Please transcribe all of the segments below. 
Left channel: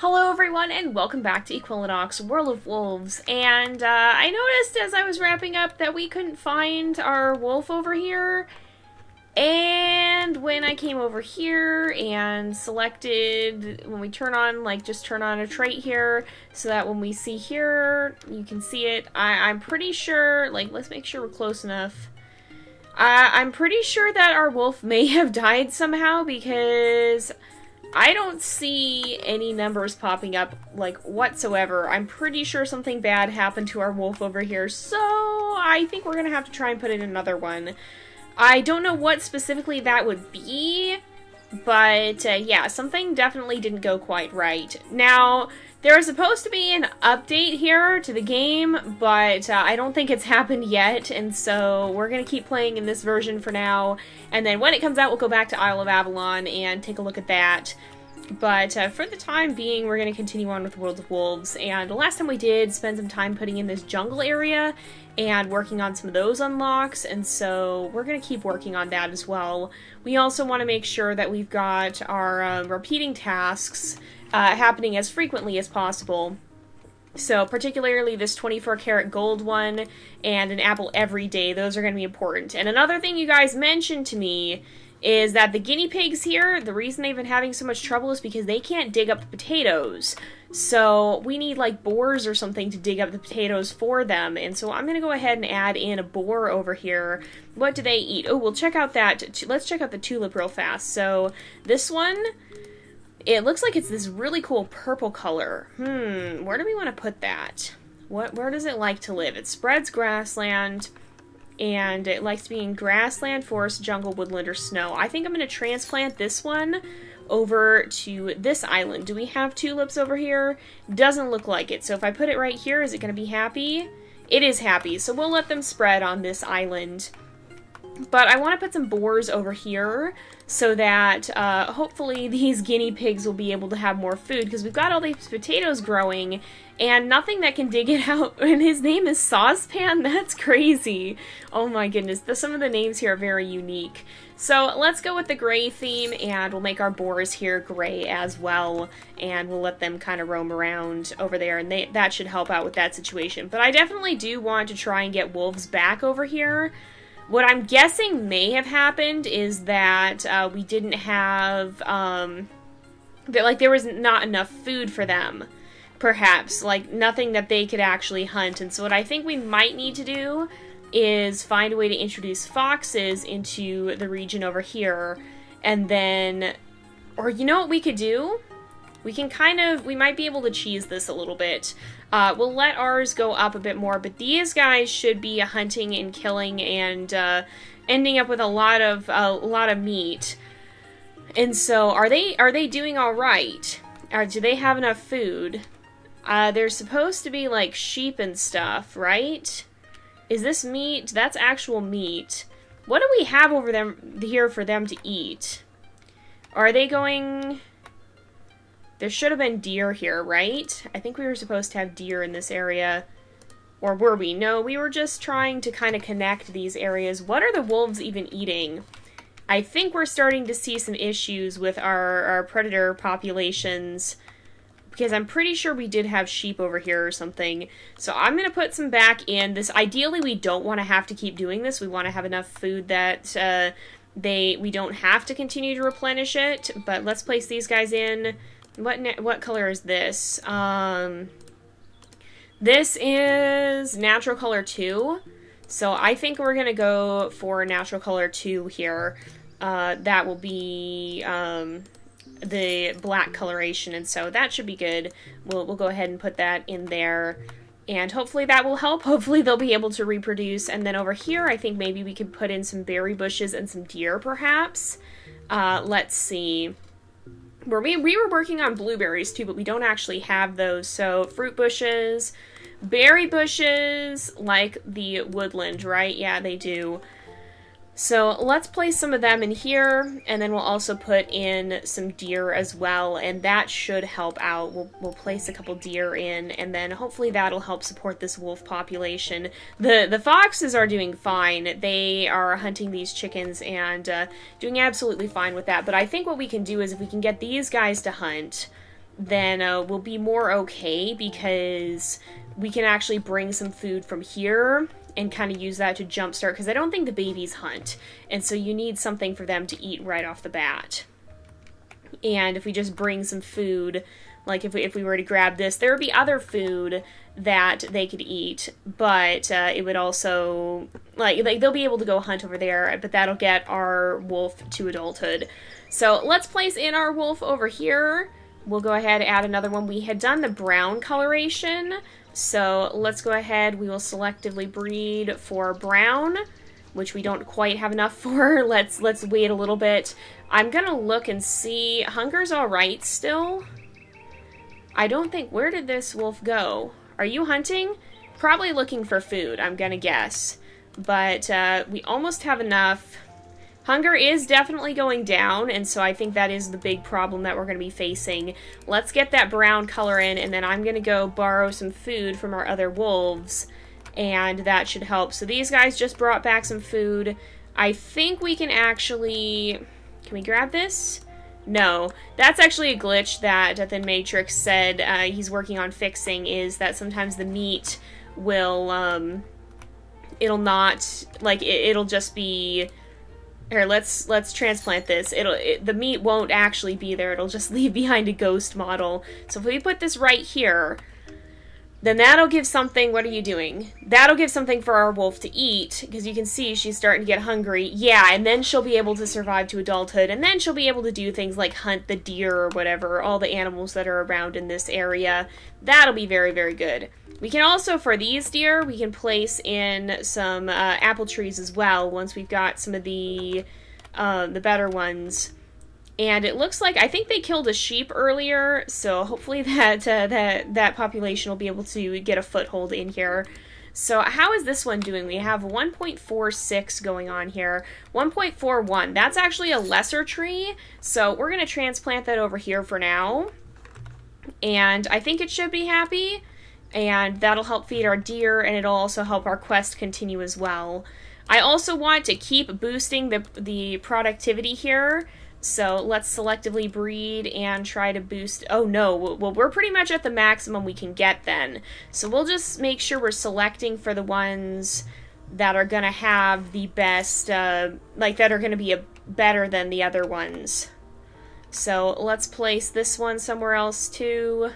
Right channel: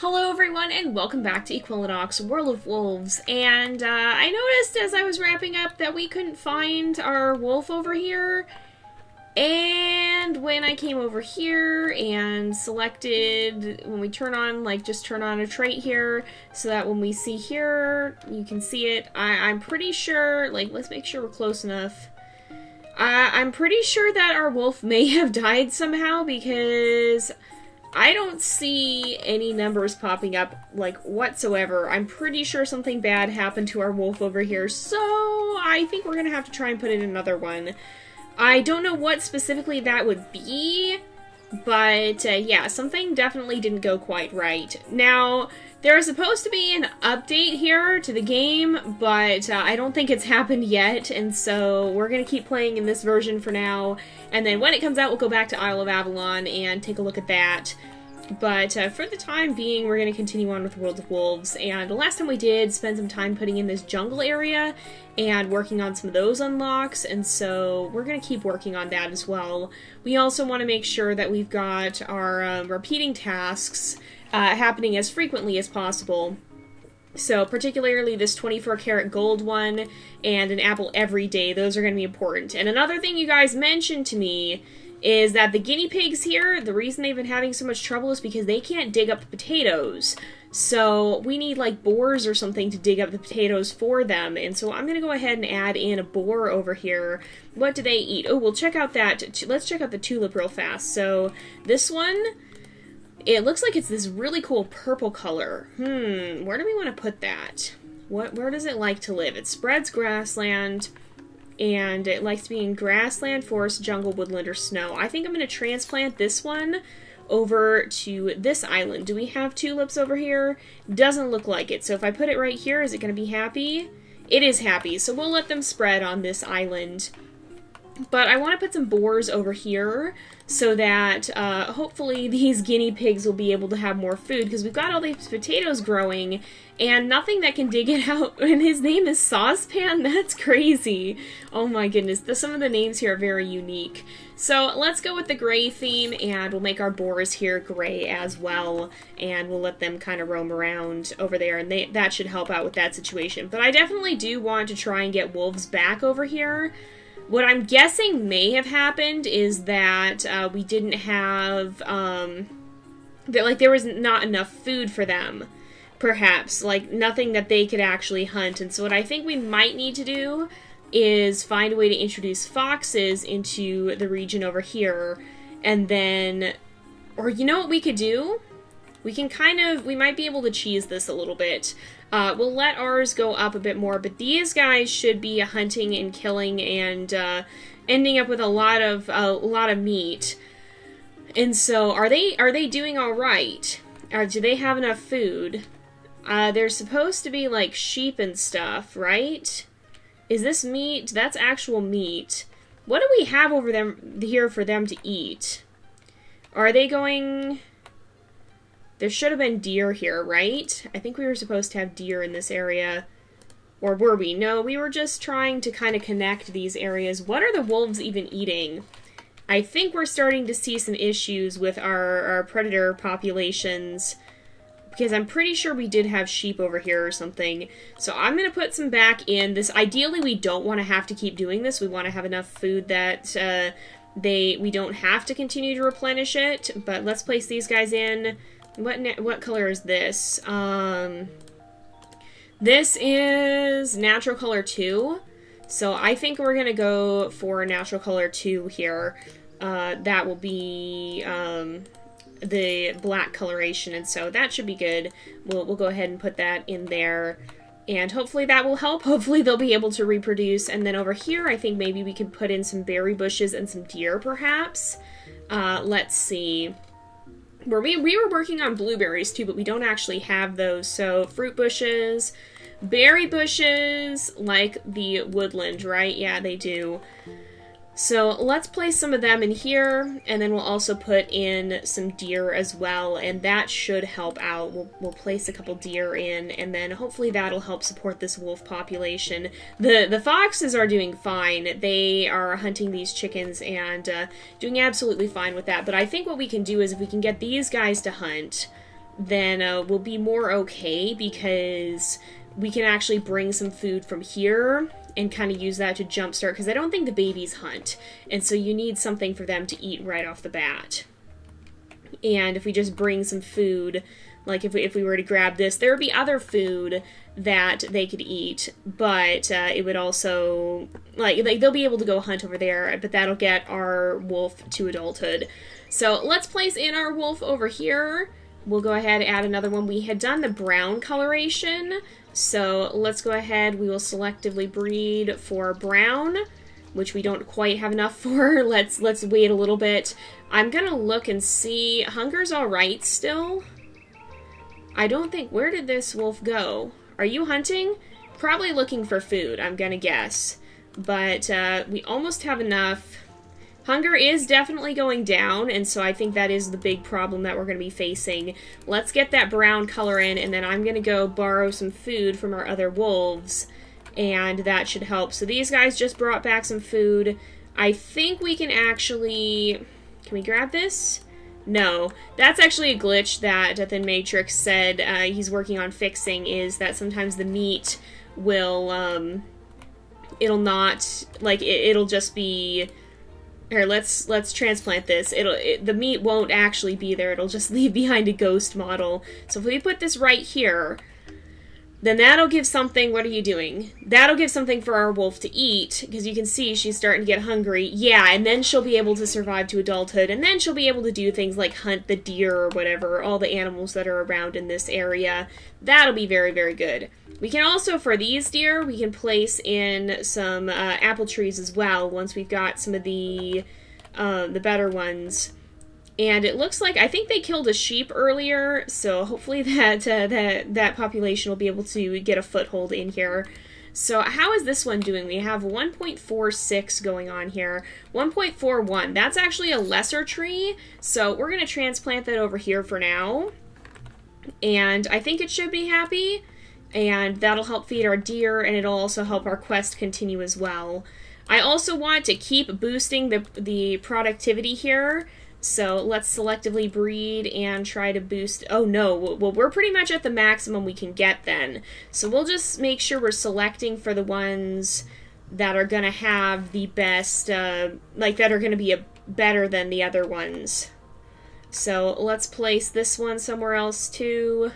Hello everyone and welcome back to Equilinox, World of Wolves, and I noticed as I was wrapping up that we couldn't find our wolf over here, and when I came over here and selected, when we turn on, just turn on a trait here, so that when we see here, you can see it, I'm pretty sure, let's make sure we're close enough. I'm pretty sure that our wolf may have died somehow, because I don't see any numbers popping up, whatsoever. I'm pretty sure something bad happened to our wolf over here, so I think we're gonna have to try and put in another one. I don't know what specifically that would be, but, yeah, something definitely didn't go quite right. Now, there is supposed to be an update here to the game, but I don't think it's happened yet, and so we're gonna keep playing in this version for now, and then when it comes out, we'll go back to Isle of Avalon and take a look at that. But for the time being, we're going to continue on with World of Wolves, and the last time we did spend some time putting in this jungle area and working on some of those unlocks, and so we're going to keep working on that as well. We also want to make sure that we've got our repeating tasks happening as frequently as possible. So particularly this 24 karat gold one and an apple every day, those are going to be important. And another thing you guys mentioned to me is that the guinea pigs here, the reason they've been having so much trouble is because they can't dig up the potatoes. So we need boars or something to dig up the potatoes for them. And so I'm going to go ahead and add in a boar over here. What do they eat? Oh, we'll check out that. Let's check out the tulip real fast. So this one, it looks like it's this really cool purple color. Where do we want to put that? Where does it like to live? It spreads grassland, and it likes to be in grassland, forest, jungle, woodland, or snow. I think I'm going to transplant this one over to this island. Do we have tulips over here? Doesn't look like it. So if I put it right here, is it going to be happy? It is happy, so we'll let them spread on this island. But I want to put some boars over here so that hopefully these guinea pigs will be able to have more food, because we've got all these potatoes growing and nothing that can dig it out. And his name is Saucepan? That's crazy. Oh my goodness. Some of the names here are very unique. So let's go with the gray theme, and we'll make our boars here gray as well, and we'll let them kind of roam around over there, and that should help out with that situation. But I definitely do want to try and get wolves back over here. What I'm guessing may have happened is that we didn't have, there was not enough food for them, perhaps. Nothing that they could actually hunt. And so what I think we might need to do is find a way to introduce foxes into the region over here. And then, or you know what we could do? We can we might be able to cheese this a little bit. We'll let ours go up a bit more, but these guys should be hunting and killing and ending up with a lot of meat. And so, are they doing all right? Or do they have enough food? They're supposed to be sheep and stuff, right? Is this meat? That's actual meat. What do we have over here for them to eat? Are they going? There should have been deer here, right? I think we were supposed to have deer in this area. Or were we? No, we were just trying to kind of connect these areas. What are the wolves even eating? I think we're starting to see some issues with our predator populations, because I'm pretty sure we did have sheep over here or something. So I'm going to put some back in. Ideally, we don't want to have to keep doing this. We want to have enough food that we don't have to continue to replenish it. But let's place these guys in. What color is this? This is natural color 2. So I think we're gonna go for natural color 2 here. That will be the black coloration, and so that should be good. We'll go ahead and put that in there, and hopefully that will help. Hopefully they'll be able to reproduce. And then over here, I think maybe we could put in some berry bushes and some deer, perhaps. Let's see. We were working on blueberries too, but we don't actually have those. So fruit bushes, berry bushes, like the woodland, right? Yeah, they do. So let's place some of them in here, and then we'll also put in some deer as well, and that should help out. We'll place a couple deer in, and then hopefully that'll help support this wolf population. The foxes are doing fine. They are hunting these chickens and doing absolutely fine with that. But I think what we can do is if we can get these guys to hunt, then we'll be more okay, because we can actually bring some food from here and kind of use that to jumpstart, because I don't think the babies hunt, and so you need something for them to eat right off the bat. And if we just bring some food, like if we were to grab this, there would be other food that they could eat, but it would also, like they'll be able to go hunt over there, but that'll get our wolf to adulthood. So let's place in our wolf over here. We'll go ahead and add another one. We had done the brown coloration, so let's go ahead. We will selectively breed for brown, which we don't quite have enough for. Let's wait a little bit. I'm gonna look and see. Hunger's all right still. I don't think, where did this wolf go? Are you hunting? Probably looking for food, I'm gonna guess. But we almost have enough. Hunger is definitely going down, and so I think that is the big problem that we're going to be facing. Let's get that brown color in, and then I'm going to go borrow some food from our other wolves, and that should help. So these guys just brought back some food. I think we can actually... Can we grab this? No. That's actually a glitch that Death in Matrix said he's working on fixing, is that sometimes the meat will... it'll not... Like, it'll just be... Here, let's transplant this. The meat won't actually be there. It'll just leave behind a ghost model. So if we put this right here, then that'll give something. What are you doing? That'll give something for our wolf to eat, because you can see she's starting to get hungry. Yeah, and then she'll be able to survive to adulthood, and then she'll be able to do things like hunt the deer or whatever, all the animals that are around in this area. That'll be very, very good. We can also, for these deer, we can place in some apple trees as well, once we've got some of the better ones. And it looks like, I think they killed a sheep earlier, so hopefully that population will be able to get a foothold in here. So how is this one doing? We have 1.46 going on here. 1.41, that's actually a lesser tree, so we're going to transplant that over here for now. And I think it should be happy, and that'll help feed our deer, and it'll also help our quest continue as well. I also want to keep boosting the productivity here, so let's selectively breed and try to boost... Oh no, well we're pretty much at the maximum we can get then. So we'll just make sure we're selecting for the ones that are going to have the best, like that are going to be better than the other ones. So let's place this one somewhere else too.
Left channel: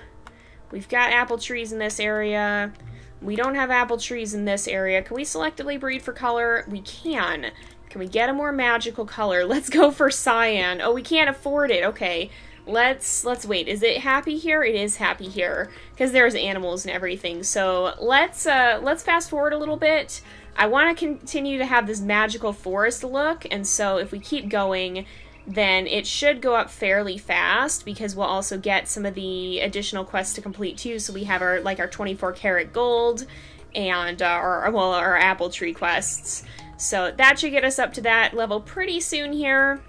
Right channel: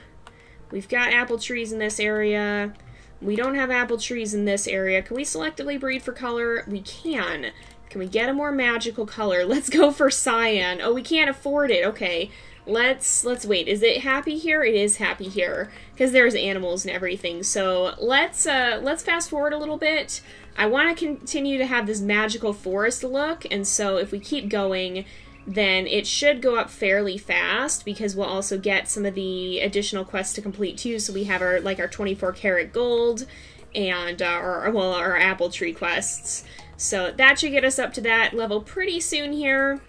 We've got apple trees in this area. We don't have apple trees in this area. Can we selectively breed for color? We can. Can we get a more magical color? Let's go for cyan. Oh, we can't afford it. Okay. Let's wait. Is it happy here? It is happy here, because there's animals and everything. So let's fast forward a little bit. I want to continue to have this magical forest look, and so if we keep going, then it should go up fairly fast, because we'll also get some of the additional quests to complete too. So we have our 24 karat gold and our apple tree quests. So that should get us up to that level pretty soon here,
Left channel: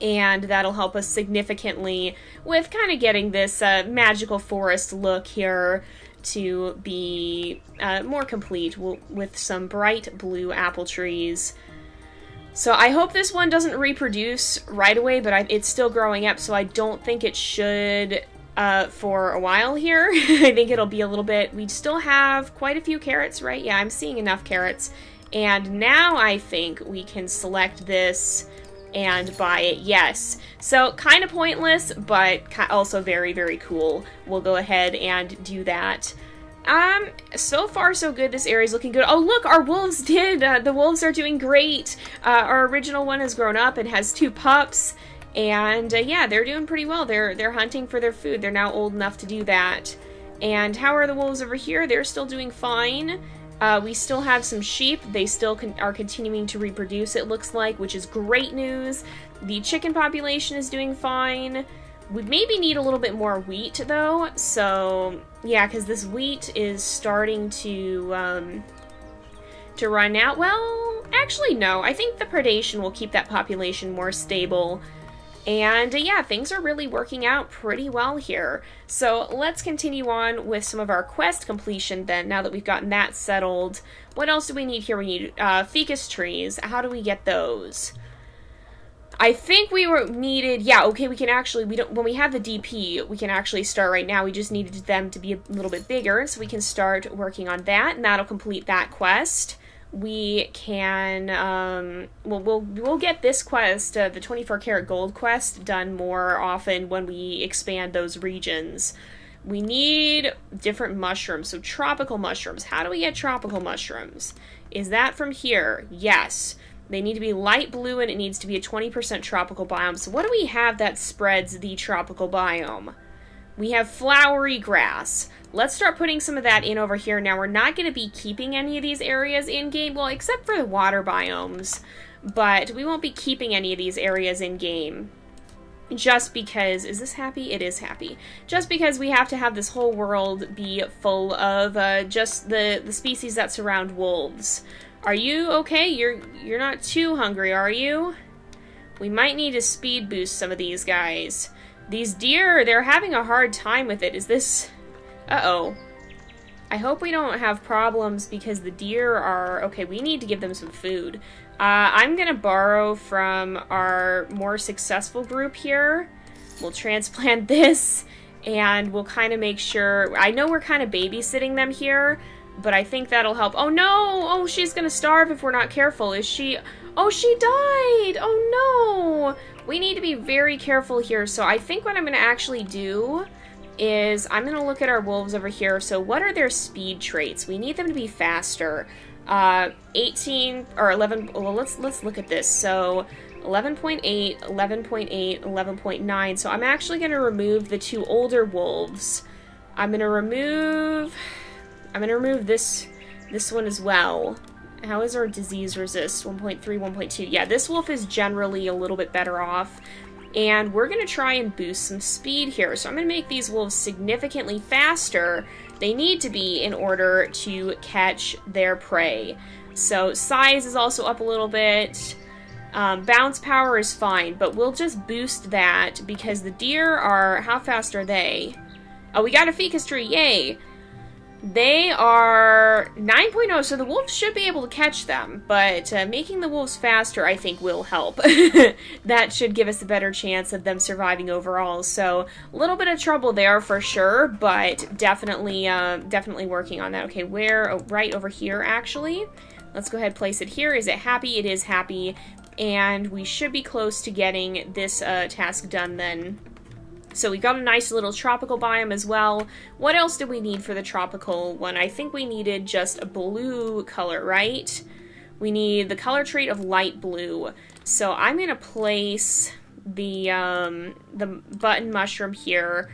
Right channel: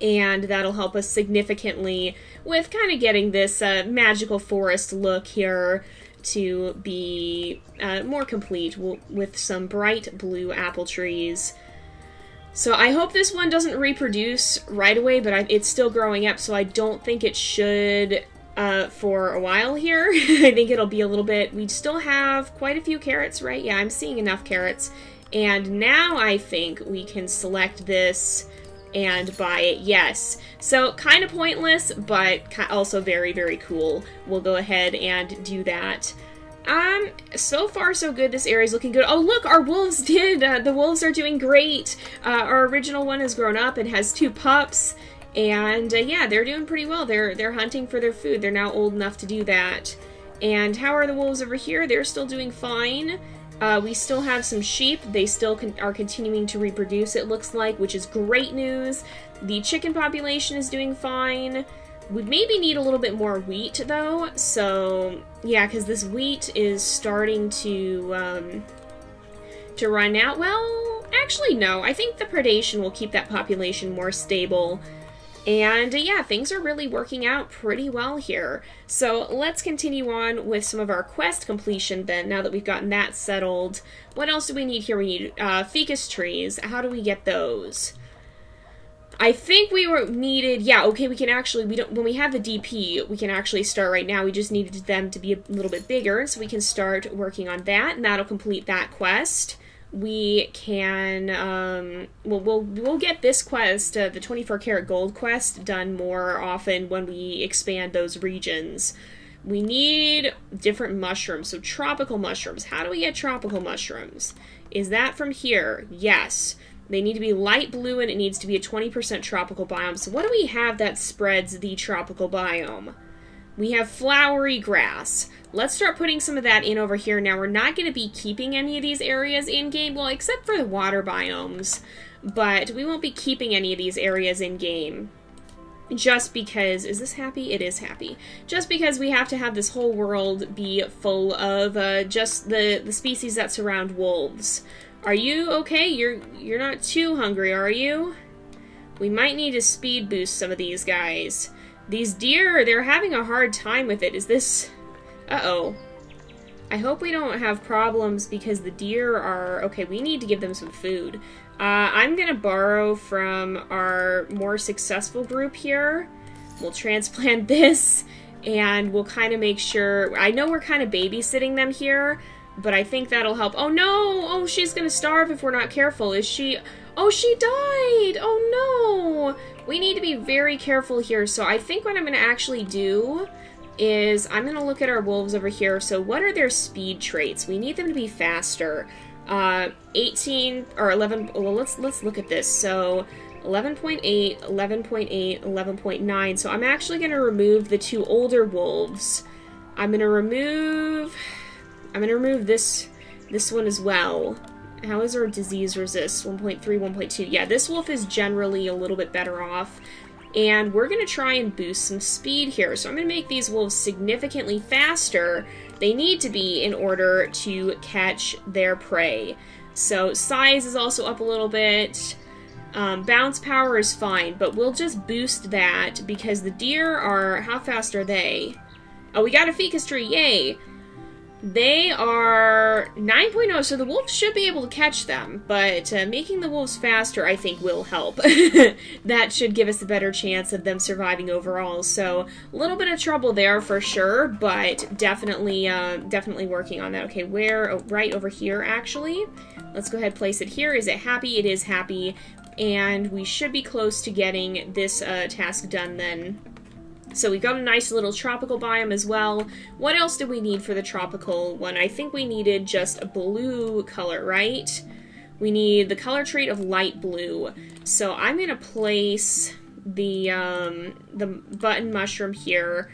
and that'll help us significantly with kind of getting this magical forest look here to be more complete with some bright blue apple trees. So I hope this one doesn't reproduce right away, but it's still growing up, so I don't think it should for a while here. I think it'll be a little bit... We still have quite a few carrots, right? Yeah, I'm seeing enough carrots. And now I think we can select this and buy it. Yes. So kind of pointless, but also very, very cool. We'll go ahead and do that. So far so good. This area's looking good. Oh look, our wolves the wolves are doing great. Our original one has grown up and has 2 pups, and yeah, they're doing pretty well. They're hunting for their food. They're now old enough to do that. And how are the wolves over here? They're still doing fine. We still have some sheep. They still are continuing to reproduce, it looks like, which is great news. The chicken population is doing fine. We maybe need a little bit more wheat, though, so yeah, because this wheat is starting to run out. Well, actually, no. I think the predation will keep that population more stable. And yeah, things are really working out pretty well here. So let's continue on with some of our quest completion then, now that we've gotten that settled. What else do we need here? We need ficus trees. How do we get those? I think we were needed, yeah, okay, we can actually, when we have the DP, we can actually start right now. We just needed them to be a little bit bigger, so we can start working on that, and that'll complete that quest. We can, we'll get this quest, the 24 karat gold quest, done more often when we expand those regions. We need different mushrooms, so tropical mushrooms. How do we get tropical mushrooms? Is that from here? Yes. They need to be light blue, and it needs to be a 20% tropical biome. So what do we have that spreads the tropical biome? We have flowery grass. Let's start putting some of that in over here. Now, we're not going to be keeping any of these areas in-game, well, except for the water biomes. But we won't be keeping any of these areas in-game. Just because, is this happy? It is happy. Just because we have to have this whole world be full of just the species that surround wolves. Are you okay? You're not too hungry, are you? We might need to speed boost some of these guys. These deer, they're having a hard time with it. Is this... Uh-oh. I hope we don't have problems because the deer are... Okay, we need to give them some food. I'm gonna borrow from our more successful group here. We'll transplant this, and we'll kind of make sure... I know we're kind of babysitting them here, but I think that'll help. Oh no! Oh, she's gonna starve if we're not careful. Is she... Oh, she died! Oh no! We need to be very careful here, so I think what I'm gonna actually do is I'm gonna look at our wolves over here. So what are their speed traits? We need them to be faster. 18 or 11, well, let's look at this. So 11.8, 11.8, 11.9. So I'm actually going to remove the two older wolves. I'm going to remove this one as well. How is our disease resist? 1.3, 1.2. Yeah, this wolf is generally a little bit better off. And we're going to try and boost some speed here. So I'm going to make these wolves significantly faster. They need to be in order to catch their prey. So size is also up a little bit. Bounce power is fine, but we'll just boost that because the deer are... How fast are they? Oh, we got a ficus tree. Yay! They are 9.0, so the wolves should be able to catch them, but making the wolves faster, I think, will help. That should give us a better chance of them surviving overall, so a little bit of trouble there for sure, but definitely working on that. Okay, where? Oh, right over here, actually. Let's go ahead and place it here. Is it happy? It is happy, and we should be close to getting this task done then. So we got a nice little tropical biome as well. What else did we need for the tropical one? I think we needed just a blue color, right? We need the color trait of light blue. So I'm going to place the button mushroom here.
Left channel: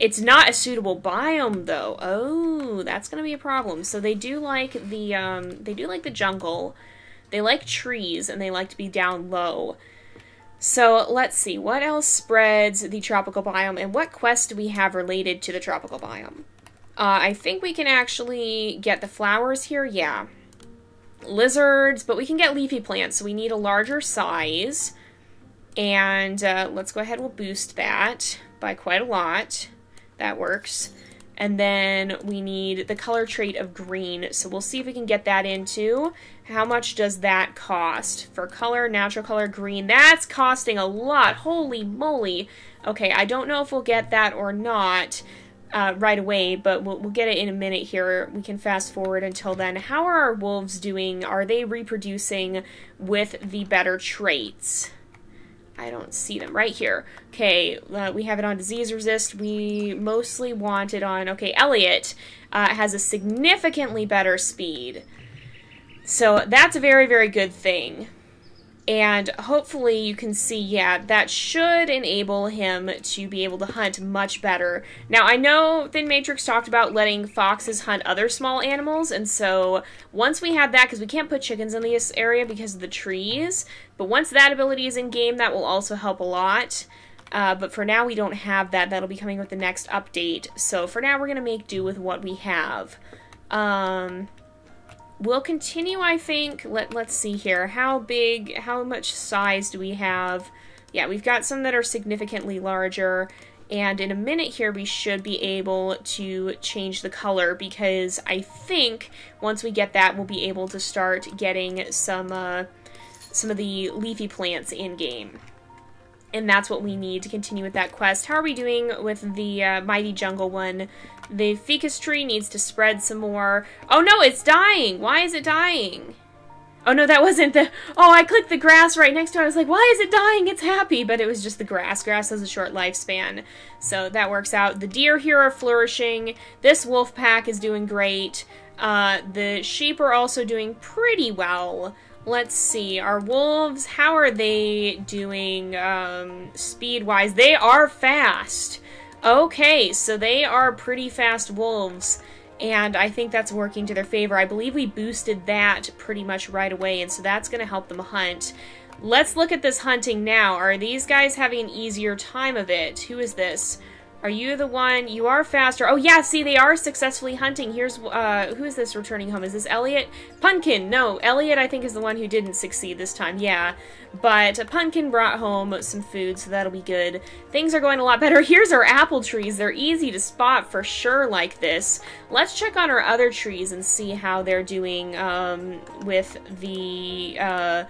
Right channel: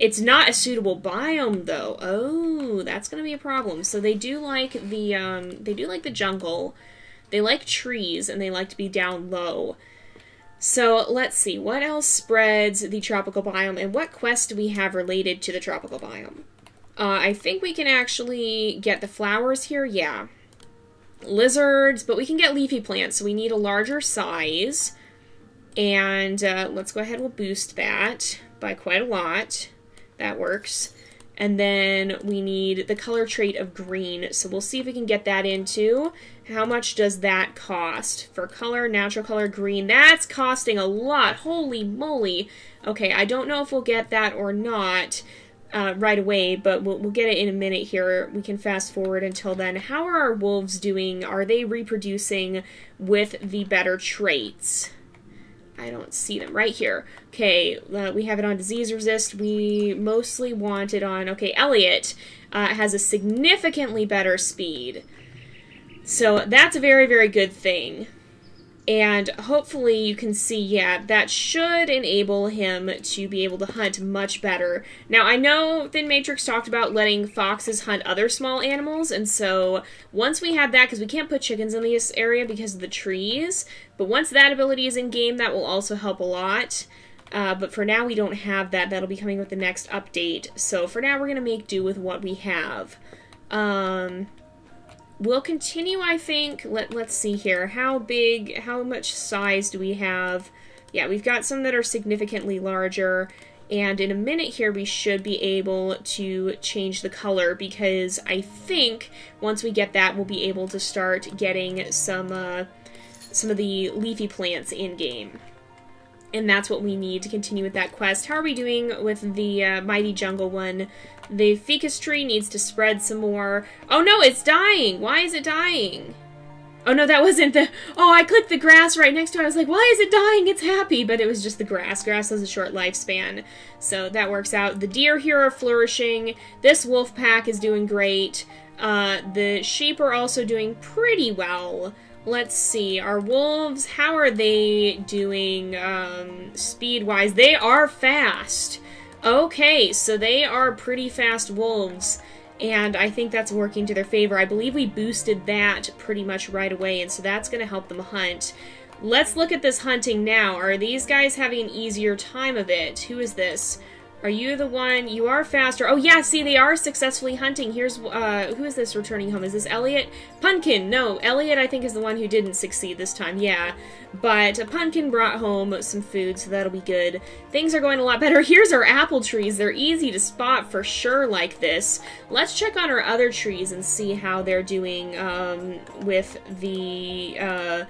It's not a suitable biome though. Oh, that's going to be a problem. So they do like the jungle. They like trees and they like to be down low. So let's see, what else spreads the tropical biome, and what quests do we have related to the tropical biome? I think we can actually get the flowers here, yeah. Lizards, but we can get leafy plants, so we need a larger size. And let's go ahead, we'll boost that by quite a lot. That works. And then we need the color trait of green, so we'll see if we can get that into. How much does that cost? For color, natural color, green, that's costing a lot. Holy moly. Okay, I don't know if we'll get that or not right away, but we'll get it in a minute here. We can fast forward until then. How are our wolves doing? Are they reproducing with the better traits? I don't see them right here. Okay, we have it on disease resist. We mostly want it on... Okay, Elliot has a significantly better speed. So that's a very, very good thing. And hopefully you can see, yeah, that should enable him to be able to hunt much better. Now, I know Thin Matrix talked about letting foxes hunt other small animals, and so once we have that, because we can't put chickens in this area because of the trees, but once that ability is in game, that will also help a lot. But for now, we don't have that. That'll be coming with the next update. So for now, we're going to make do with what we have. We'll continue, I think. Let's see here. How much size do we have? Yeah, we've got some that are significantly larger. And in a minute here, we should be able to change the color because I think once we get that, we'll be able to start getting some some of the leafy plants in-game. And that's what we need to continue with that quest. How are we doing with the Mighty Jungle one? The ficus tree needs to spread some more. Oh no, it's dying! Why is it dying? Oh no, that wasn't the... Oh, I clicked the grass right next to it. I was like, why is it dying? It's happy. But it was just the grass. Grass has a short lifespan. So that works out. The deer here are flourishing. This wolf pack is doing great. The sheep are also doing pretty well. Let's see. Our wolves, how are they doing speed-wise? They are fast. Okay, so they are pretty fast wolves. And I think that's working to their favor. I believe we boosted that pretty much right away, and so that's going to help them hunt. Let's look at this hunting now. Are these guys having an easier time of it? Who is this? Are you the one? You are faster. Oh yeah, see, they are successfully hunting. Here's, who is this returning home? Is this Elliot? Pumpkin! No, Elliot I think is the one who didn't succeed this time, yeah. But Pumpkin brought home some food, so that'll be good. Things are going a lot better. Here's our apple trees. They're easy to spot for sure like this. Let's check on our other trees and see how they're doing, with the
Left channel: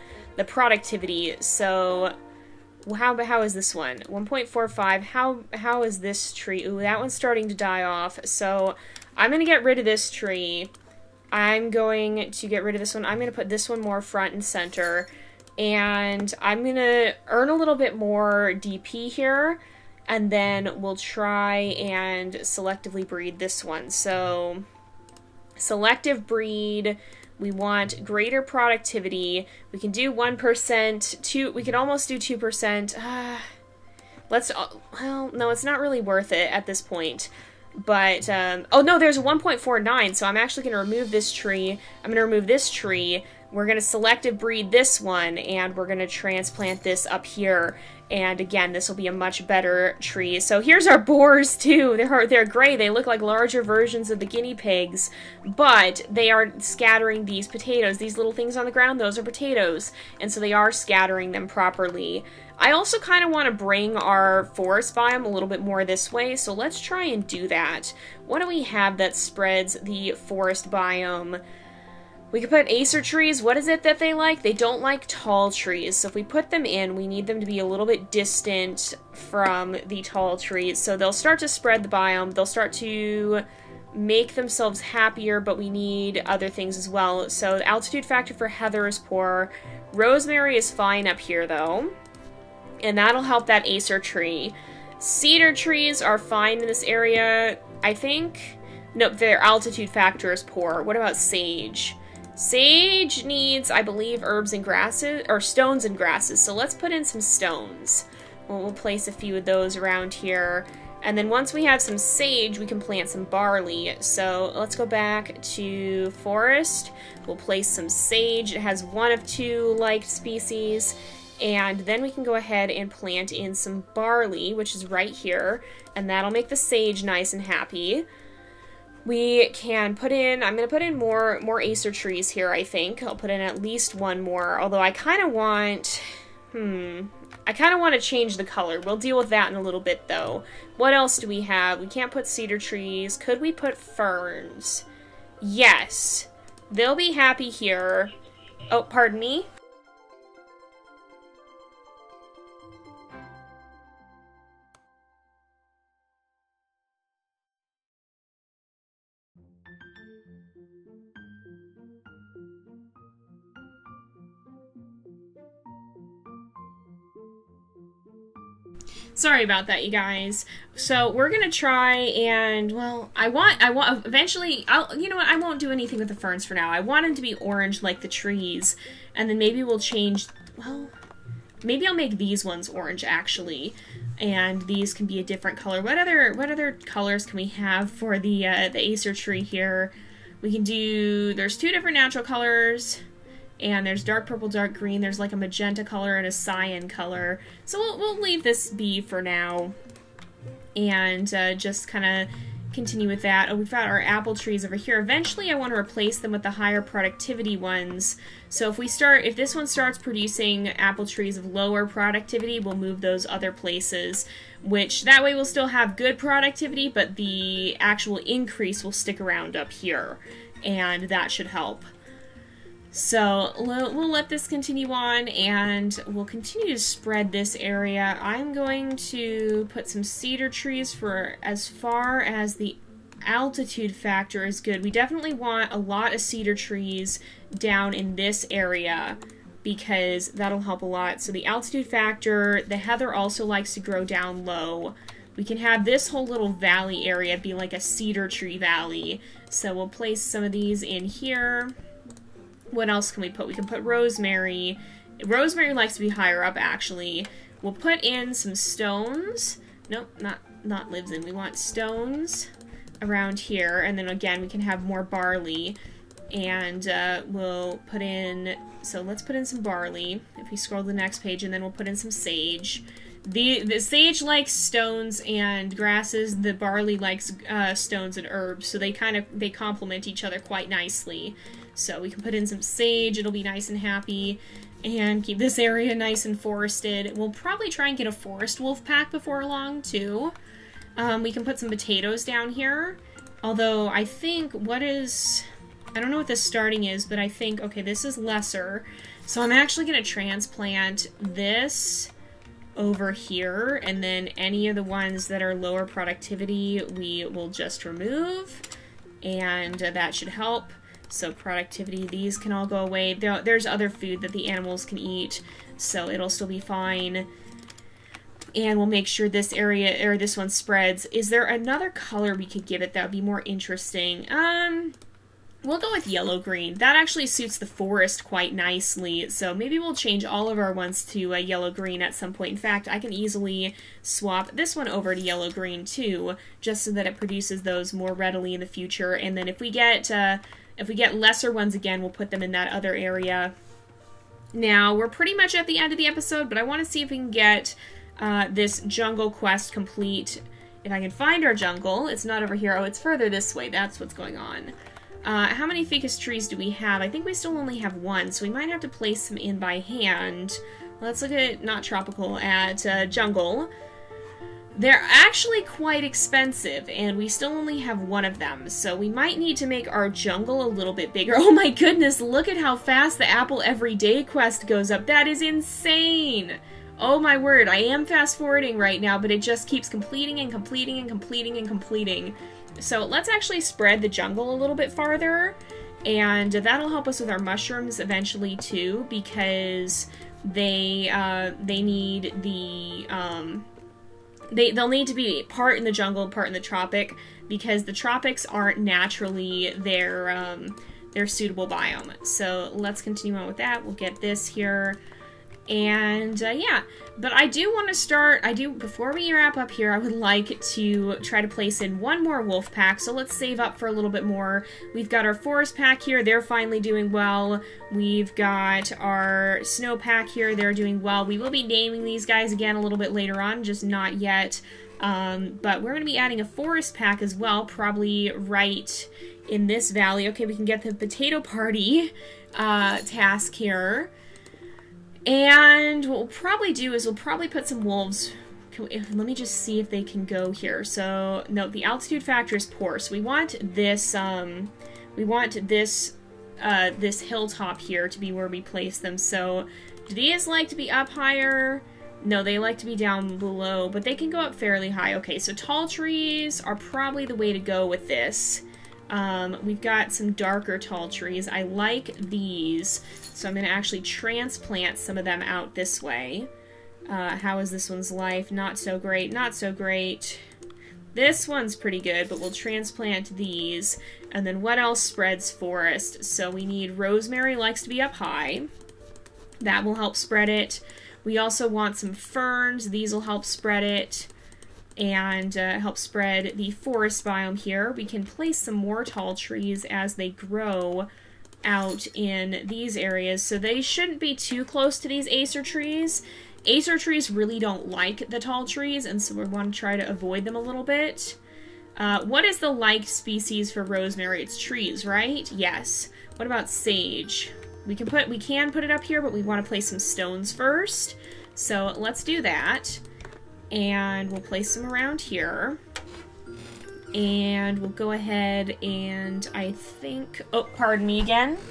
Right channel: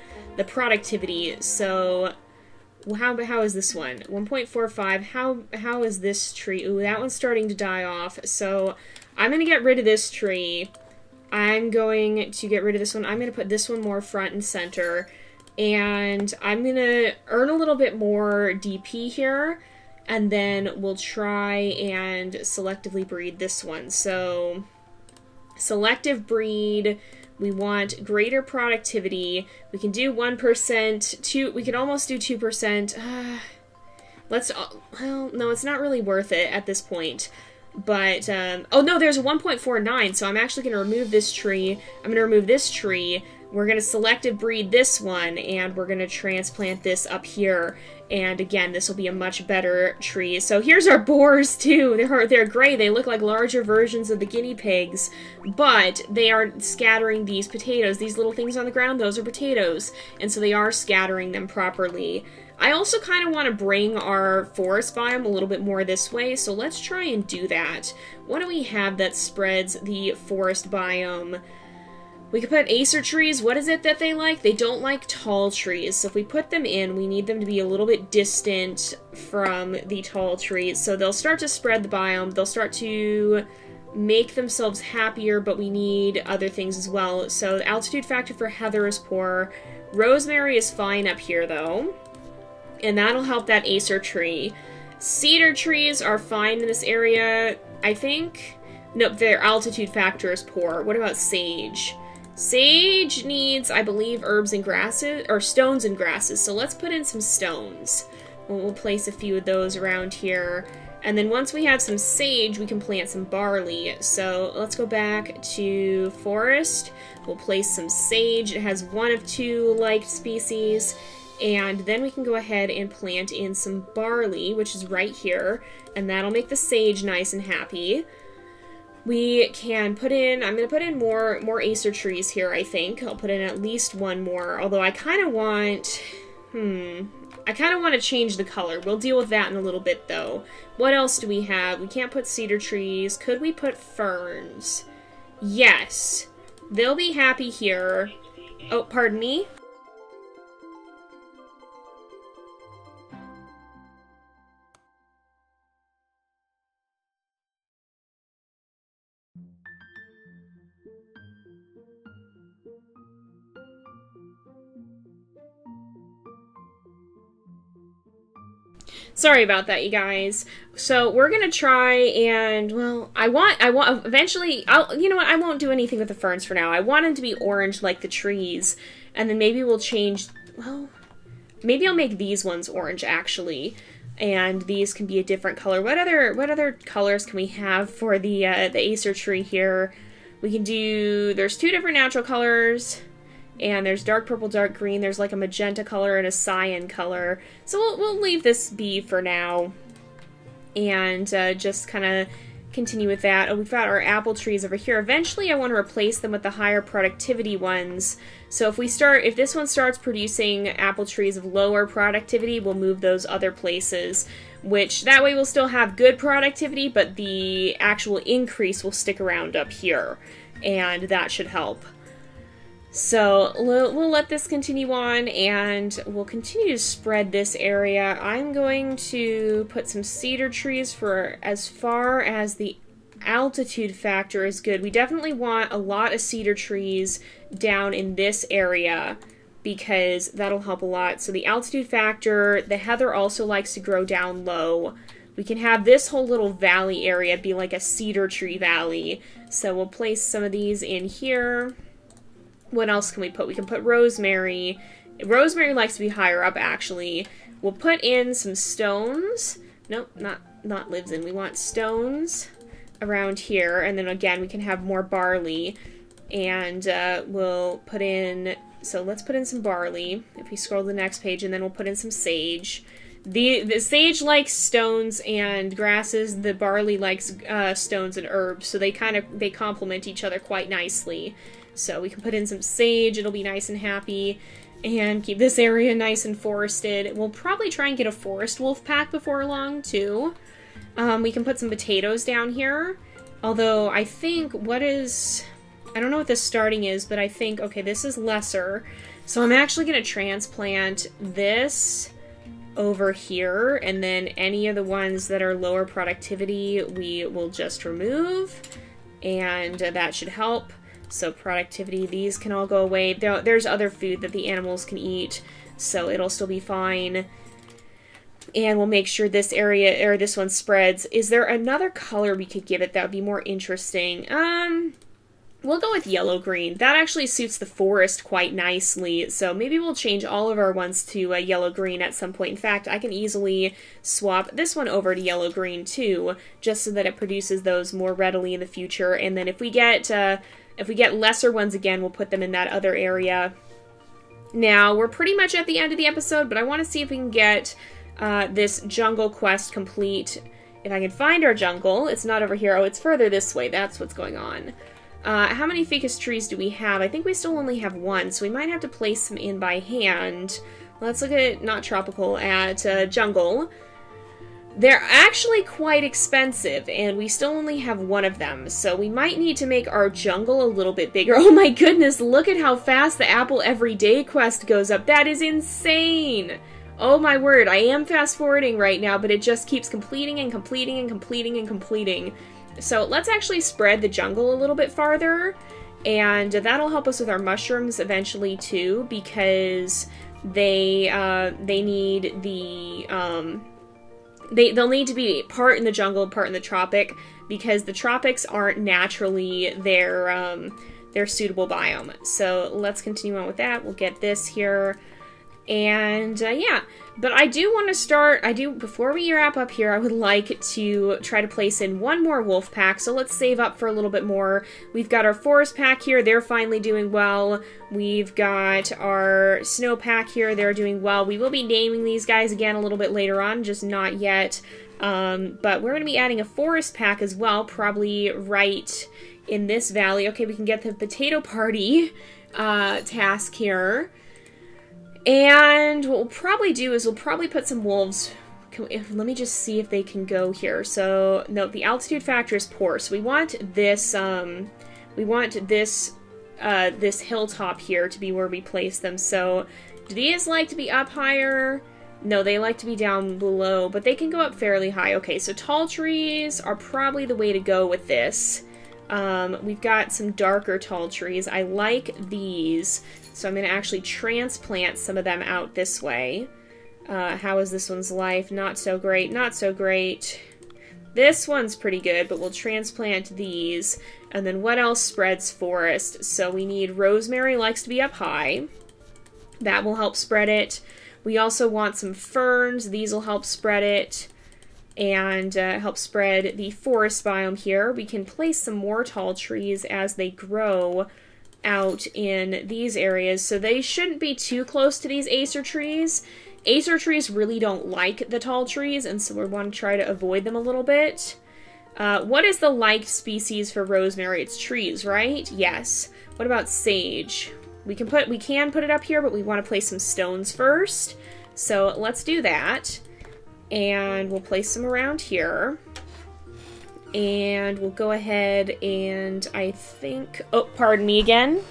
productivity. So... How is this one? 1.45. How is this tree? Ooh, that one's starting to die off. So I'm going to get rid of this tree. I'm going to get rid of this one. I'm going to put this one more front and center. And I'm going to earn a little bit more DP here. And then we'll try and selectively breed this one. So selective breed... We want greater productivity. We can do 1%, we can almost do 2%. Well, no, it's not really worth it at this point. But, oh no, there's a 1.49, so I'm actually going to remove this tree. I'm going to remove this tree. We're going to selective breed this one, and we're going to transplant this up here. And again, this will be a much better tree. So here's our boars too. They're gray. They look like larger versions of the guinea pigs, but they are scattering these potatoes. These little things on the ground, those are potatoes. And so they are scattering them properly. I also kind of want to bring our forest biome a little bit more this way, so let's try and do that. What do we have that spreads the forest biome? We could put acer trees. What is it that they like? They don't like tall trees. So if we put them in, we need them to be a little bit distant from the tall trees. So they'll start to spread the biome. They'll start to make themselves happier, but we need other things as well. So the altitude factor for heather is poor. Rosemary is fine up here, though. And that'll help that acer tree. Cedar trees are fine in this area, I think. No, their altitude factor is poor. What about sage? Sage needs, I believe, herbs and grasses, or stones and grasses, so let's put in some stones. We'll place a few of those around here. And then once we have some sage, we can plant some barley. So let's go back to forest. We'll place some sage. It has one of two liked species. And then we can go ahead and plant in some barley, which is right here. And that'll make the sage nice and happy. We can put in, I'm going to put in more acer trees here, I think. I'll put in at least one more, although I kind of want, I kind of want to change the color. We'll deal with that in a little bit, though. What else do we have? We can't put cedar trees. Could we put ferns? Yes. They'll be happy here. Oh, pardon me? Sorry about that, you guys. So we're gonna try and, well, I want, eventually, you know what, I won't do anything with the ferns for now. I want them to be orange like the trees, and then maybe we'll change, well, maybe I'll make these ones orange, actually, and these can be a different color. What other colors can we have for the acer tree here? We can do, there's two different natural colors, and there's dark purple, dark green. There's like a magenta color and a cyan color. So we'll leave this be for now. And just kind of continue with that. Oh, we've got our apple trees over here. Eventually I want to replace them with the higher productivity ones. So if this one starts producing apple trees of lower productivity, we'll move those other places. Which, that way we'll still have good productivity, but the actual increase will stick around up here. And that should help. So we'll let this continue on, and we'll continue to spread this area. I'm going to put some cedar trees for as far as the altitude factor is good. We definitely want a lot of cedar trees down in this area because that'll help a lot. So the altitude factor, the heather also likes to grow down low. We can have this whole little valley area be like a cedar tree valley. So we'll place some of these in here. What else can we put? We can put rosemary. Rosemary likes to be higher up, actually. We'll put in some stones. Nope, not lives in. We want stones around here. And then again, we can have more barley. And we'll put in... So let's put in some barley. If we scroll to the next page, and then we'll put in some sage. The sage likes stones and grasses. The barley likes stones and herbs. So they complement each other quite nicely. So we can put in some sage, it'll be nice and happy, and keep this area nice and forested. We'll probably try and get a forest wolf pack before long, too. We can put some potatoes down here, although I think I don't know what the starting is, but I think, okay, this is lesser. So I'm actually going to transplant this over here, and then any of the ones that are lower productivity, we will just remove, and that should help. So productivity, these can all go away. There's other food that the animals can eat, so it'll still be fine. And we'll make sure this area, or this one spreads. Is there another color we could give it that would be more interesting? We'll go with yellow-green. That actually suits the forest quite nicely, so maybe we'll change all of our ones to yellow-green at some point. In fact, I can easily swap this one over to yellow-green too, just so that it produces those more readily in the future. And then if we get lesser ones again, we'll put them in that other area. Now, we're pretty much at the end of the episode, but I want to see if we can get this jungle quest complete. If I can find our jungle. It's not over here. Oh, it's further this way. That's what's going on. How many ficus trees do we have? I think we still only have one, so we might have to place them in by hand. Let's look at, not tropical, at jungle. They're actually quite expensive, and we still only have one of them, so we might need to make our jungle a little bit bigger. Oh my goodness, look at how fast the Apple Everyday quest goes up. That is insane! Oh my word, I am fast forwarding right now, but it just keeps completing and completing and completing and completing. So let's actually spread the jungle a little bit farther, and that'll help us with our mushrooms eventually too, because they need the... They'll need to be part in the jungle, part in the tropic, because the tropics aren't naturally their suitable biome. So let's continue on with that. We'll get this here. And yeah, but I do want to start, before we wrap up here, I would like to try to place in one more wolf pack, so let's save up for a little bit more. We've got our forest pack here, they're finally doing well. We've got our snow pack here, they're doing well. We will be naming these guys again a little bit later on, just not yet. But we're going to be adding a forest pack as well, probably right in this valley. Okay, we can get the potato party task here. And what we'll probably do is we'll probably put some wolves. Let me just see if they can go here. So no, the altitude factor is poor. So we want this this hilltop here to be where we place them. So do these like to be up higher? No, they like to be down below, but they can go up fairly high. Okay, so tall trees are probably the way to go with this. We've got some darker tall trees. I like these, so I'm going to actually transplant some of them out this way. How is this one's life? Not so great, not so great. This one's pretty good, but we'll transplant these. And then what else spreads forest? So we need rosemary, likes to be up high. That will help spread it. We also want some ferns. These will help spread it. And help spread the forest biome here. We can place some more tall trees as they grow out in these areas. So they shouldn't be too close to these acer trees. Acer trees really don't like the tall trees, and so we want to try to avoid them a little bit. What is the liked species for rosemary? It's trees, right? Yes. What about sage? We can put it up here, but we want to place some stones first. So let's do that. And we'll place them around here. And we'll go ahead and I think... Oh, pardon me again.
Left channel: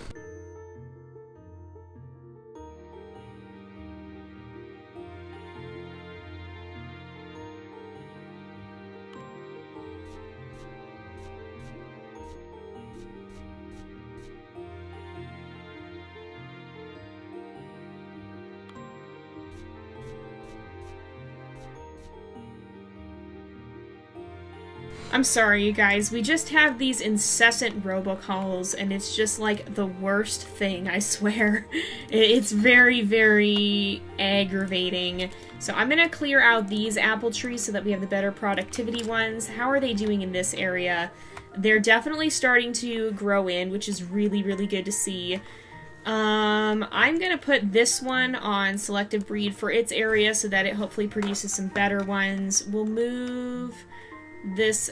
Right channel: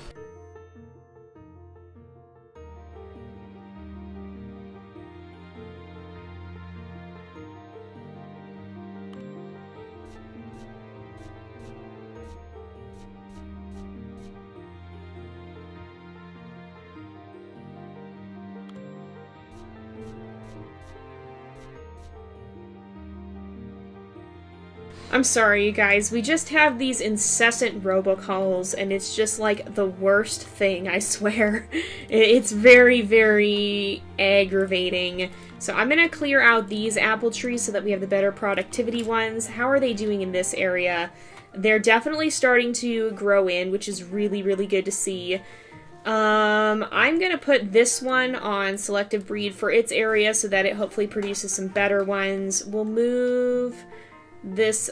I'm sorry, you guys. We just have these incessant robocalls, and it's just, like, the worst thing, I swear. It's very, very aggravating. So I'm gonna clear out these apple trees so that we have the better productivity ones. How are they doing in this area? They're definitely starting to grow in, which is really, really good to see. I'm gonna put this one on selective breed for its area so that it hopefully produces some better ones. We'll move this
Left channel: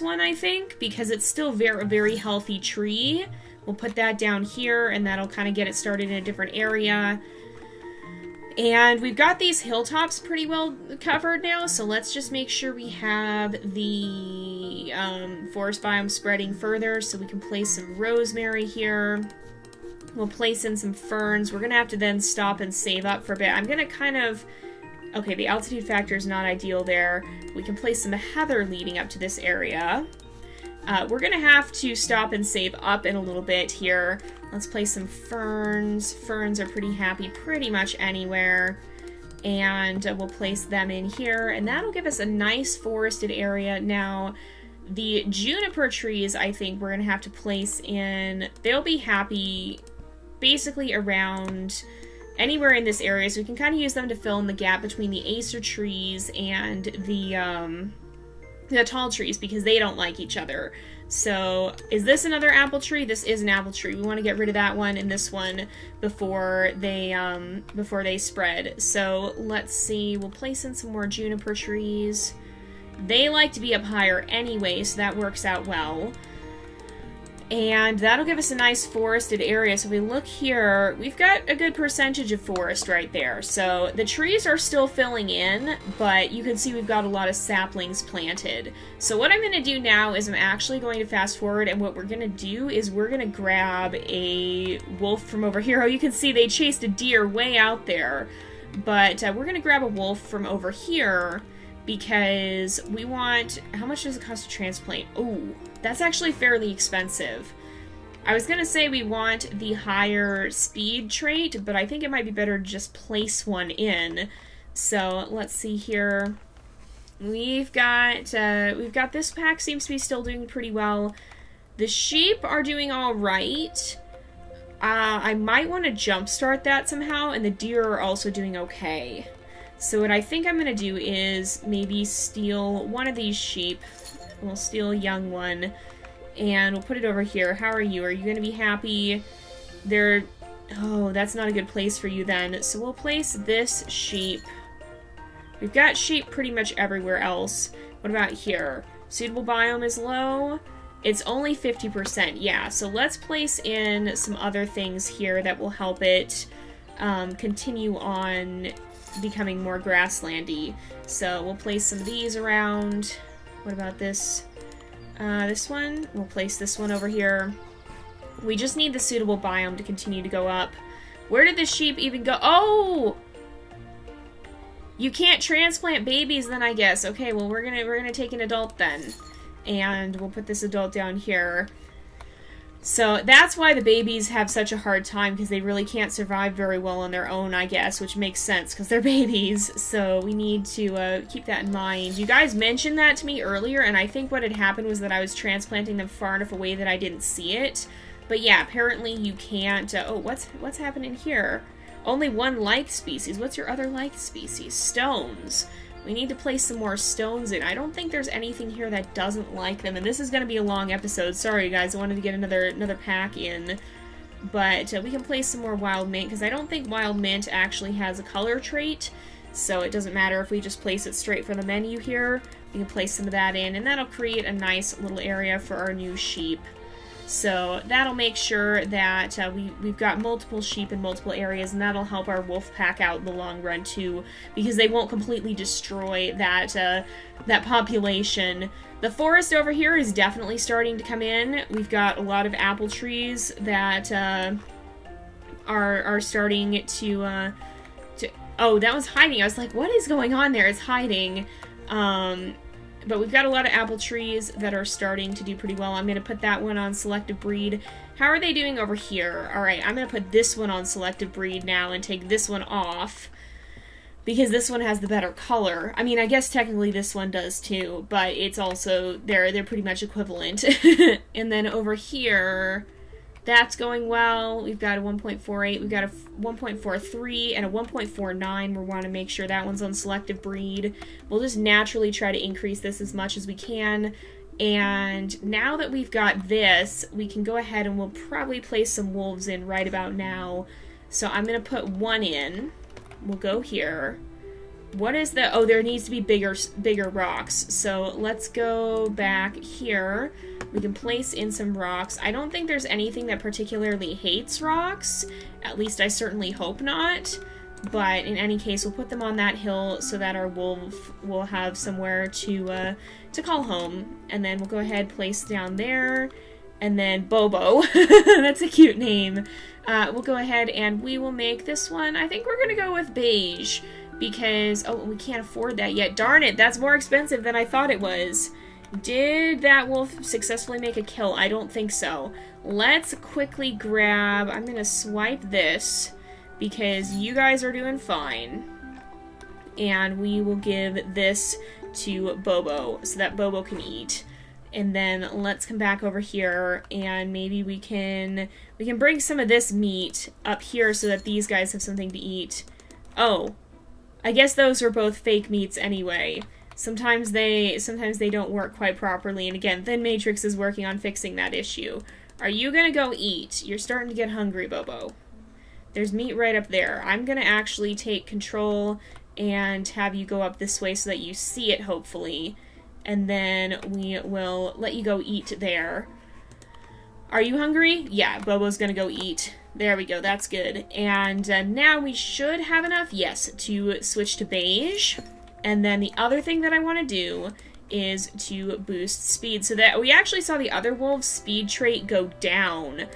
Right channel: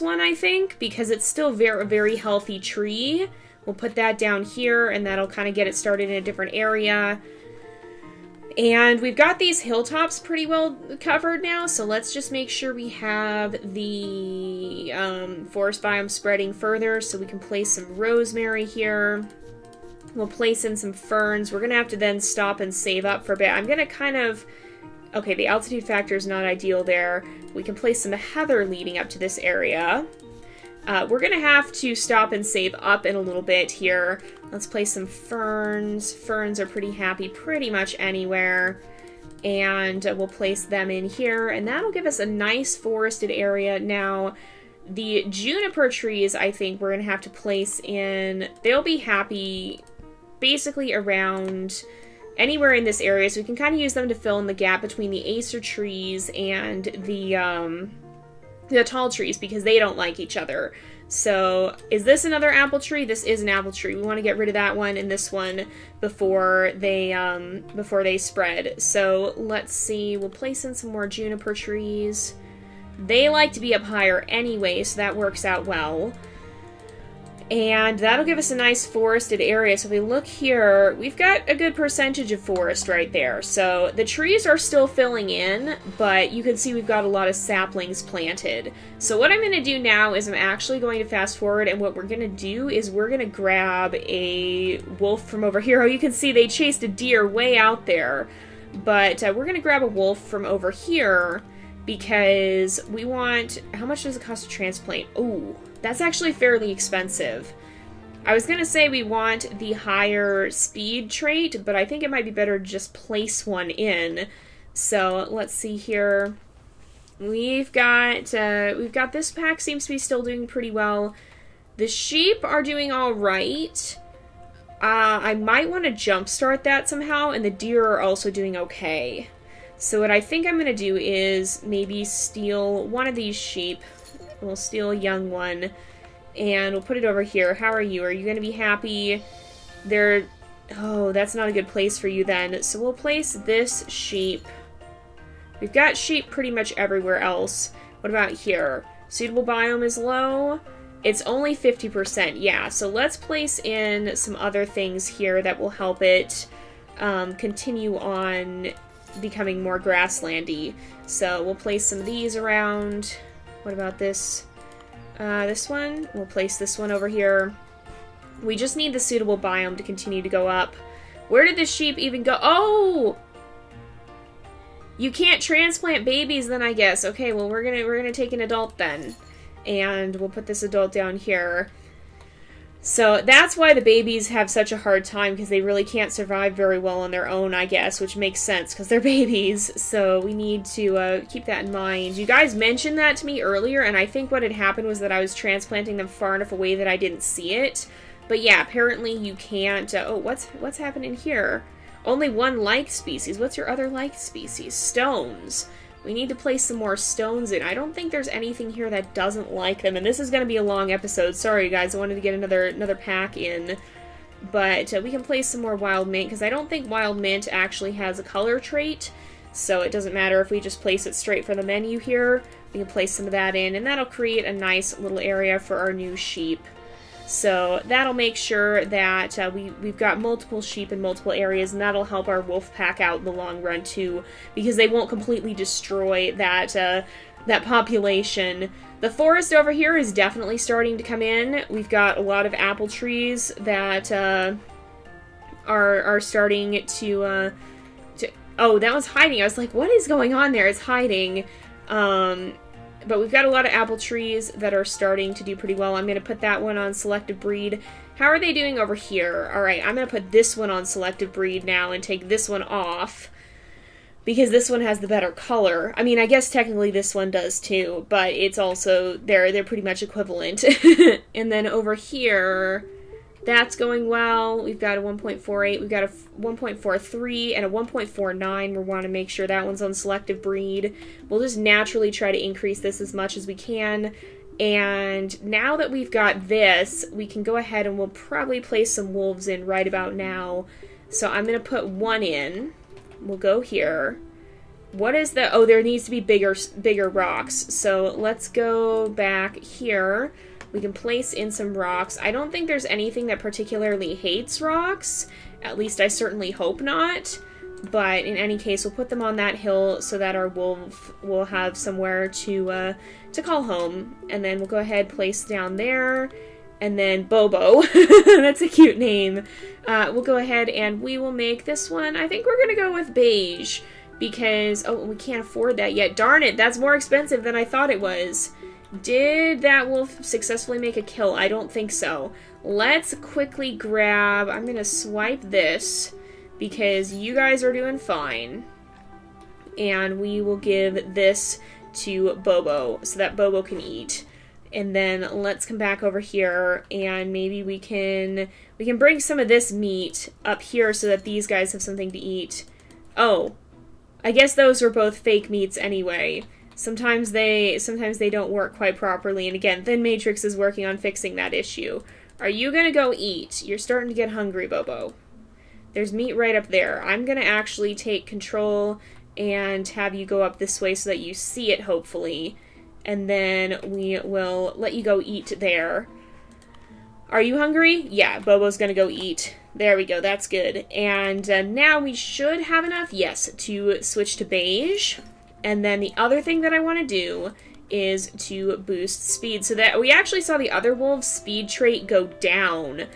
one, I think, because it's still a very healthy tree. We'll put that down here, and that'll kind of get it started in a different area. And we've got these hilltops pretty well covered now, so let's just make sure we have the forest biome spreading further so we can place some rosemary here. We'll place in some ferns. We're going to have to then stop and save up for a bit. I'm going to kind of... Okay, the altitude factor is not ideal there. We can place some heather leading up to this area. We're going to have to stop and save up in a little bit here. Let's place some ferns. Ferns are pretty happy pretty much anywhere. And we'll place them in here. And that'll give us a nice forested area. Now, the juniper trees, I think we're going to have to place in... They'll be happy basically around... anywhere in this area, so we can kind of use them to fill in the gap between the acer trees and the tall trees, because they don't like each other. So, is this another apple tree? This is an apple tree. We want to get rid of that one and this one before they spread. So, let's see. We'll place in some more juniper trees. They like to be up higher anyway, so that works out well. And that'll give us a nice forested area. So if we look here, we've got a good percentage of forest right there. So the trees are still filling in, but you can see we've got a lot of saplings planted. So what I'm going to do now is I'm actually going to fast forward, and what we're going to do is we're going to grab a wolf from over here. Oh, you can see they chased a deer way out there. But we're going to grab a wolf from over here because we want... How much does it cost to transplant? Ooh. That's actually fairly expensive. I was gonna say we want the higher speed trait, but I think it might be better to just place one in. So let's see here. We've got this pack seems to be still doing pretty well. The sheep are doing all right. I might want to jumpstart that somehow, and the deer are also doing okay. So what I think I'm gonna do is maybe steal one of these sheep. We'll steal a young one, and we'll put it over here. How are you? Are you going to be happy? Oh, that's not a good place for you then. So we'll place this sheep. We've got sheep pretty much everywhere else. What about here? Suitable biome is low. It's only 50%. Yeah, so let's place in some other things here that will help it continue on becoming more grasslandy. So we'll place some of these around. What about this? This one? We'll place this one over here. We just need the suitable biome to continue to go up. Where did the sheep even go? Oh! You can't transplant babies then, I guess. Okay, well we're gonna take an adult then. And we'll put this adult down here. So that's why the babies have such a hard time, because they really can't survive very well on their own, I guess, which makes sense, because they're babies. So we need to keep that in mind. You guys mentioned that to me earlier, and I think what had happened was that I was transplanting them far enough away that I didn't see it. But yeah, apparently you can't... oh, what's happening here? Only one like species. What's your other like species? Stones. We need to place some more stones in. I don't think there's anything here that doesn't like them, and this is going to be a long episode. Sorry, guys, I wanted to get another pack in. But we can place some more wild mint, because I don't think wild mint actually has a color trait, so it doesn't matter if we just place it straight from the menu here. We can place some of that in, and that'll create a nice little area for our new sheep. So that'll make sure that we've got multiple sheep in multiple areas, and that'll help our wolf pack out in the long run too, because they won't completely destroy that that population. The forest over here is definitely starting to come in. We've got a lot of apple trees that are starting to oh, that was hiding. I was like, what is going on there? It's hiding. But we've got a lot of apple trees that are starting to do pretty well. I'm going to put that one on selective breed. How are they doing over here? Alright, I'm going to put this one on selective breed now and take this one off. because this one has the better color. I mean, I guess technically this one does too, but it's also, they're pretty much equivalent. And then over here, that's going well. We've got a 1.48, we've got a 1.43, and a 1.49. We want to make sure that one's on selective breed. We'll just naturally try to increase this as much as we can. And now that we've got this, we can go ahead and we'll probably place some wolves in right about now. So I'm going to put one in. We'll go here. What is the... Oh, there needs to be bigger rocks. So let's go back here. We can place in some rocks. I don't think there's anything that particularly hates rocks. At least I certainly hope not. But in any case, we'll put them on that hill so that our wolf will have somewhere to call home. And then we'll go ahead, place down there. And then Bobo. That's a cute name. We'll go ahead and we will make this one. I think we're going to go with beige. Because, oh, we can't afford that yet. Darn it, that's more expensive than I thought it was. Did that wolf successfully make a kill? I don't think so. Let's quickly grab... I'm going to swipe this. Because you guys are doing fine. And we will give this to Bobo. So that Bobo can eat. And then let's come back over here and maybe we can bring some of this meat up here so that these guys have something to eat. Oh, I guess those were both fake meats anyway. Sometimes they don't work quite properly, and again, Thin Matrix is working on fixing that issue. Are you gonna go eat? You're starting to get hungry, Bobo. There's meat right up there. I'm gonna actually take control and have you go up this way so that you see it, hopefully. And then we will let you go eat there. Are you hungry? Yeah, Bobo's gonna go eat. There we go, that's good. And now we should have enough, yes, to switch to beige. And then the other thing that I want to do is to boost speed. So that we actually saw the other wolf's speed trait go down.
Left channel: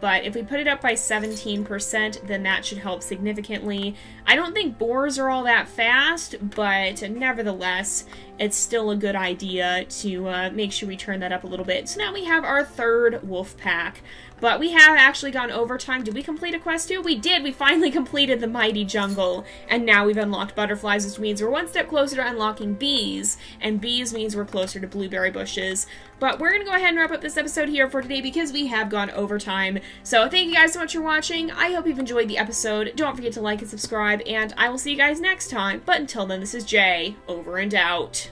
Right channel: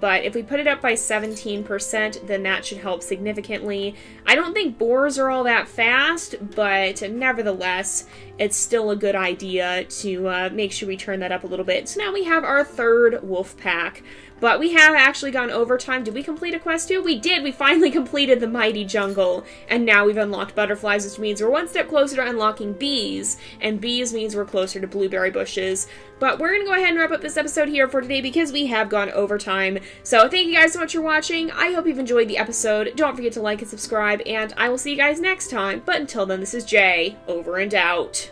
But if we put it up by 17%, then that should help significantly. I don't think boars are all that fast, but nevertheless, it's still a good idea to make sure we turn that up a little bit. So now we have our third wolf pack. But we have actually gone overtime. Did we complete a quest too? We did! We finally completed the Mighty Jungle. And now we've unlocked butterflies, which means we're one step closer to unlocking bees. And bees means we're closer to blueberry bushes. But we're going to go ahead and wrap up this episode here for today because we have gone overtime. So thank you guys so much for watching. I hope you've enjoyed the episode. Don't forget to like and subscribe. And I will see you guys next time. But until then, this is Jay, over and out.